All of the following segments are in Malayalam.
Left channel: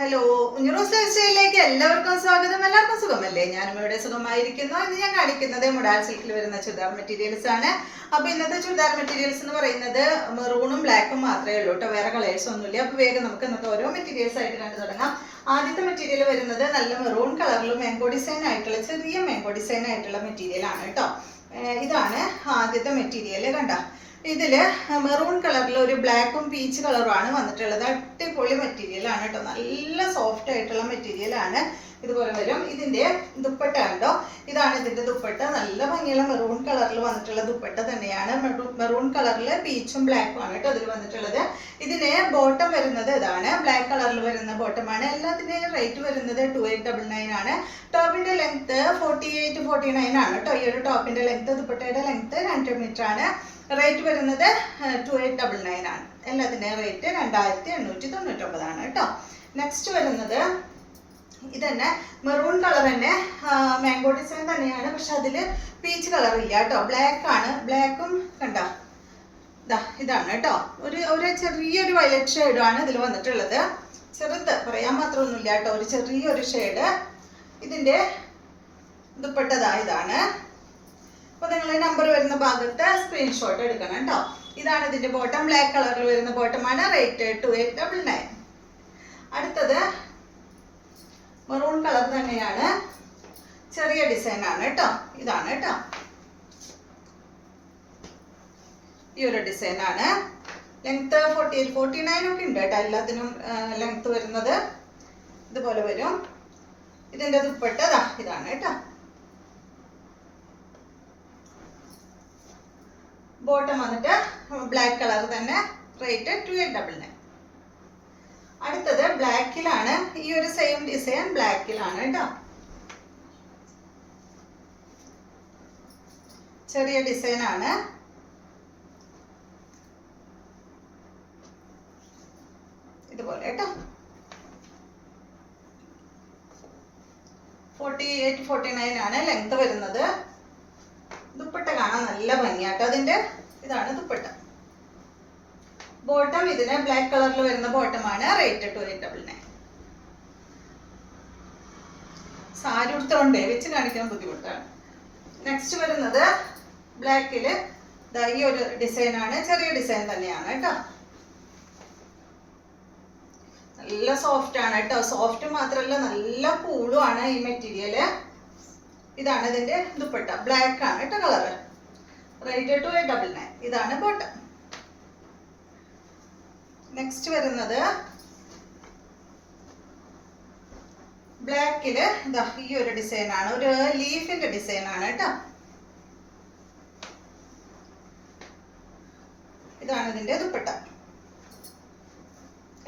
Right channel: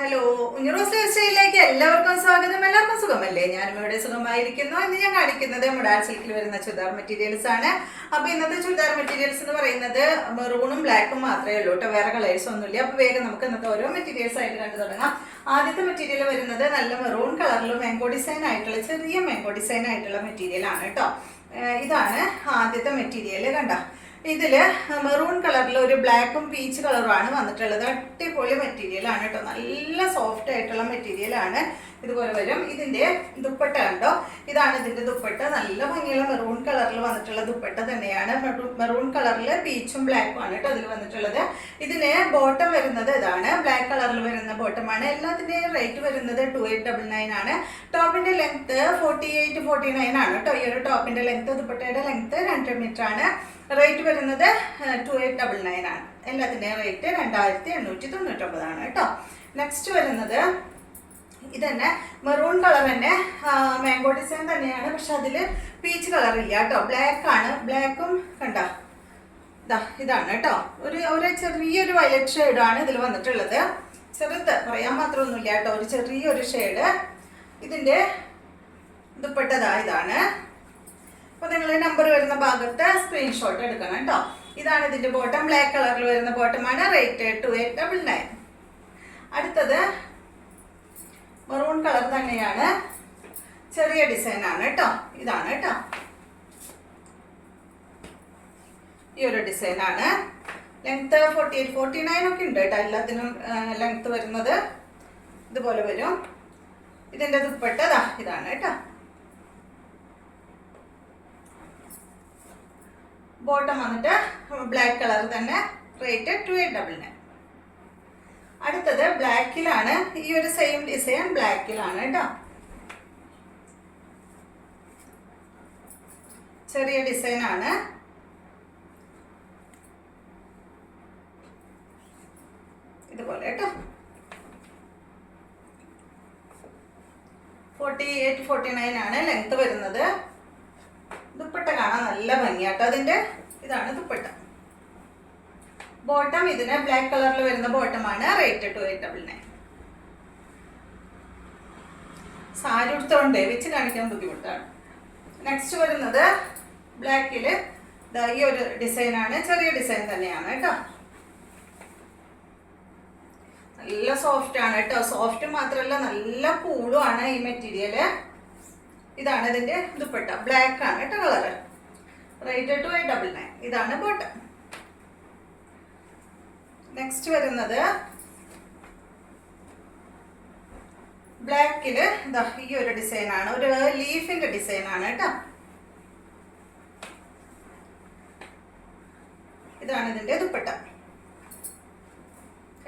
ഹലോ, ഉഞ്ഞറോസ് ലൈഫ് സ്റ്റൈലിലേക്ക് എല്ലാവർക്കും സ്വാഗതം. എല്ലാവർക്കും സുഖമല്ലേ? ഞാനും ഇവിടെ സുഖമായിരിക്കുന്നു. ഇന്ന് ഞാൻ കാണിക്കുന്നത് മുഡാൽ സിൽക്കിൽ വരുന്ന ചുരിദാർ മെറ്റീരിയൽസ് ആണ്. അപ്പൊ ഇന്നത്തെ ചുരിദാർ മെറ്റീരിയൽസ് എന്ന് പറയുന്നത് മെറൂണും ബ്ലാക്കും മാത്രമേ ഉള്ളൂ കേട്ടോ, വേറെ കളേഴ്സ് ഒന്നുമില്ല. അപ്പൊ വേഗം നമുക്ക് ഇന്നത്തെ ഓരോ മെറ്റീരിയൽസ് ആയിട്ട് കണ്ടു തുടങ്ങാം. ആദ്യത്തെ മെറ്റീരിയൽ വരുന്നത് നല്ല മെറൂൺ കളറിലും മാംഗോ ഡിസൈൻ ആയിട്ടുള്ള ചെറിയ മാംഗോ ഡിസൈൻ ആയിട്ടുള്ള മെറ്റീരിയൽ ആണ് കേട്ടോ. ഇതാണ് ആദ്യത്തെ മെറ്റീരിയൽ. കണ്ട, ഇതില് മെറൂൺ കളറിൽ ഒരു ബ്ലാക്കും പീച്ച് കളറും ആണ് വന്നിട്ടുള്ളത്. അടിപൊളി മെറ്റീരിയൽ ആണ് കേട്ടോ, നല്ല സോഫ്റ്റ് ആയിട്ടുള്ള മെറ്റീരിയൽ ആണ്. ഇതുപോലെ വരും. ഇതിന്റെ ദുപ്പട്ട ഉണ്ടോ, ഇതാണ് ഇതിന്റെ ദുപ്പട്ട. നല്ല ഭംഗിയുള്ള മെറൂൺ കളറിൽ വന്നിട്ടുള്ള ദുപ്പട്ട തന്നെയാണ്. മെറൂൺ കളറിൽ പീച്ചും ബ്ലാക്കും ആണ് കേട്ടോ അതിൽ വന്നിട്ടുള്ളത്. ഇതിന് ബോട്ടം വരുന്നത് ഇതാണ്, ബ്ലാക്ക് കളറിൽ വരുന്ന ബോട്ടമാണ്. എല്ലാത്തിന്റെയും റേറ്റ് വരുന്നത് 2899 ആണ്. ടോപ്പിന്റെ ലെങ്ത് 48-49 ആണ് കേട്ടോ. ഈ ഒരു ടോപ്പിന്റെ ലെങ്ത്, ദുപ്പട്ടയുടെ ലെങ്ത് 2 മീറ്റർ ആണ്. റേറ്റ് വരുന്നത് 2899 ആണ്. എല്ലാത്തിൻ്റെയും റേറ്റ് 2899 ആണ് കേട്ടോ. നെക്സ്റ്റ് വരുന്നത് ഇത് തന്നെ മെറൂൺ കളർ തന്നെ, മാംഗോ ഡിസൈൻ തന്നെയാണ്, പക്ഷെ അതിൽ പീച്ച് കളർ ഇല്ല കേട്ടോ, ബ്ലാക്ക് ആണ്. ബ്ലാക്കും കണ്ട ഇതാണ് കേട്ടോ, ഒരു ചെറിയൊരു വയലറ്റ് ഷെയ്ഡാണ് ഇതിൽ വന്നിട്ടുള്ളത്. ചെറുത് പറയാൻ മാത്രമൊന്നുമില്ല കേട്ടോ, ഒരു ചെറിയൊരു ഷെയ്ഡ്. ഇതിൻ്റെ ദുപ്പട്ടതാ ഇതാണ്. അപ്പോൾ നിങ്ങൾ നമ്പർ വരുന്ന ഭാഗത്ത് സ്ക്രീൻഷോട്ട് എടുക്കണം കേട്ടോ. ഇതാണ് ഇതിൻ്റെ ബോട്ടം, ബ്ലാക്ക് കളറിൽ വരുന്ന ബോട്ടമാണ്. റേറ്റ് 2899. അടുത്തത് മെറൂൺ കളർ തന്നെയാണ്, ചെറിയ ഡിസൈൻ ആണ് കേട്ടോ. ഇതാണ് കേട്ടോ, ഈ ഒരു ഡിസൈൻ ആണ്. ലെങ്ത് 48-49 ഒക്കെ ഉണ്ട് കേട്ടോ, എല്ലാത്തിനും ലെങ്ത് വരുന്നത് ഇതുപോലെ വരും. ഇതിൻ്റെ ദുപ്പട്ട ഇതാണ് കേട്ടോ. ബോട്ടം വന്നിട്ട് ബ്ലാക്ക് കളർ തന്നെ. റേറ്റ് 2899. അടുത്തത് ബ്ലാക്കിലാണ്, ഈ ഒരു സെയിം ഡിസൈൻ ബ്ലാക്കിലാണ് കേട്ടോ. ചെറിയ ഡിസൈൻ ആണ്. ഇതുപോലെ കേട്ടോ. 48-49 ആണ് ലെങ്ത് വരുന്നത്. ദുപ്പട്ട കാണാൻ നല്ല ഭംഗിയാട്ടോ അതിന്റെ. ഇതാണ് ദുപ്പട്ട. ബോട്ടം ഇതിന് ബ്ലാക്ക് കളറിൽ വരുന്ന ബോട്ടമാണ്. റേറ്റ് 2899. സാരി ഉടുത്തോണ്ടേ വെച്ച് കാണിക്കാൻ ബുദ്ധിമുട്ടാണ്. നെക്സ്റ്റ് വരുന്നത് ബ്ലാക്കില് ഈ ഒരു ഡിസൈൻ ആണ്, ചെറിയ ഡിസൈൻ തന്നെയാണ് കേട്ടോ. നല്ല സോഫ്റ്റ് ആണ് കേട്ടോ. സോഫ്റ്റ് മാത്രമല്ല നല്ല കൂളും ആണ് ഈ മെറ്റീരിയല്. ഇതാണ് ഇതിന്റെ ദുപ്പട്ട, ബ്ലാക്ക് ആണ് കേട്ടോ കളറ്. റേറ്റ് 2899. ഇതാണ് ബോട്ടം. നെക്സ്റ്റ് വരുന്നത് ബ്ലാക്കില് ഈ ഒരു ഡിസൈൻ ആണ്, ഒരു ലീഫിന്റെ ഡിസൈൻ ആണ് കേട്ടോ. ഇതാണ് ഇതിന്റെ ദുപ്പട്ട.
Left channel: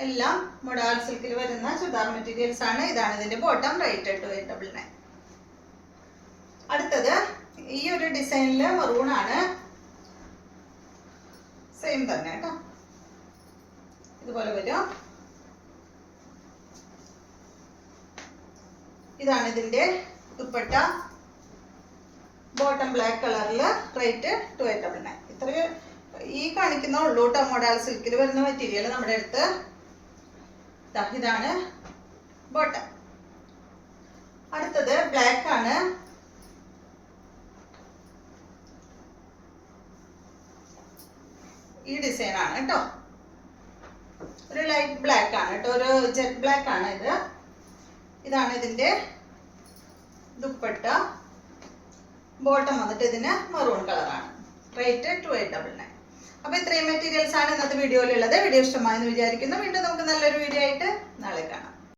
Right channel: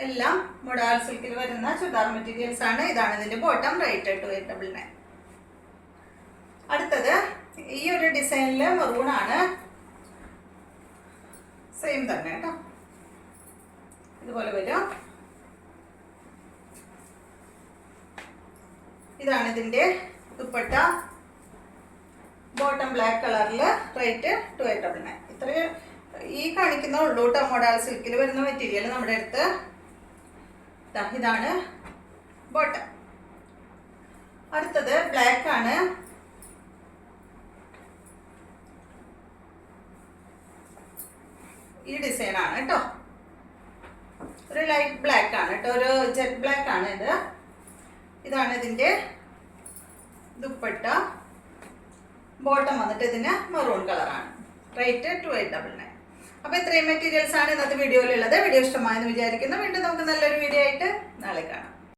എല്ലാം മുഡാൽ സിൽക്കിൽ വരുന്ന ചുരിദാർ മെറ്റീരിയൽസ് ആണ്. ഇതാണ് ഇതിന്റെ ബോട്ടം. റേറ്റ് 2899. അടുത്തത് ഈ ഒരു ഡിസൈനില് മെറൂൺ ആണ്, സെയിം തന്നെ കേട്ടോ. ഇതുപോലെ വരും. ഇതാണ് ഇതിന്റെ ദുപ്പട്ട. ബോട്ടം ബ്ലാക്ക് കളറിൽ. റേറ്റ് 2899. ഇത്രയും ഈ കാണിക്കുന്ന ഉള്ളൂ കേട്ടോ മോഡൽ സിൽക്കിൽ വരുന്ന മെറ്റീരിയൽ നമ്മുടെ അടുത്ത്. ഇതാണ് ബോട്ടം. അടുത്തത് ബ്ലാക്ക് ആണ്. ഈ ഡിസൈൻ ആണ് കേട്ടോ, ഒരു ലൈറ്റ് ബ്ലാക്ക് ആണ് കേട്ടോ, ഒരു ജെറ്റ് ബ്ലാക്ക് ആണ് ഇത്. ഇതാണ് ഇതിന്റെ ദുപ്പട്ട. ബോട്ടം വന്നിട്ട് ഇതിന് മെറൂൺ കളറാണ്. റേറ്റ് 2899. അപ്പോൾ ഇത്രയും മെറ്റീരിയൽസ് ആണ് ഇന്നത്തെ വീഡിയോയിലുള്ളത്. വീഡിയോ ഇഷ്ടമായെന്ന് വിചാരിക്കുന്നു. വീണ്ടും നമുക്ക് നല്ലൊരു വീഡിയോ ആയിട്ട് നാളെ കാണാം.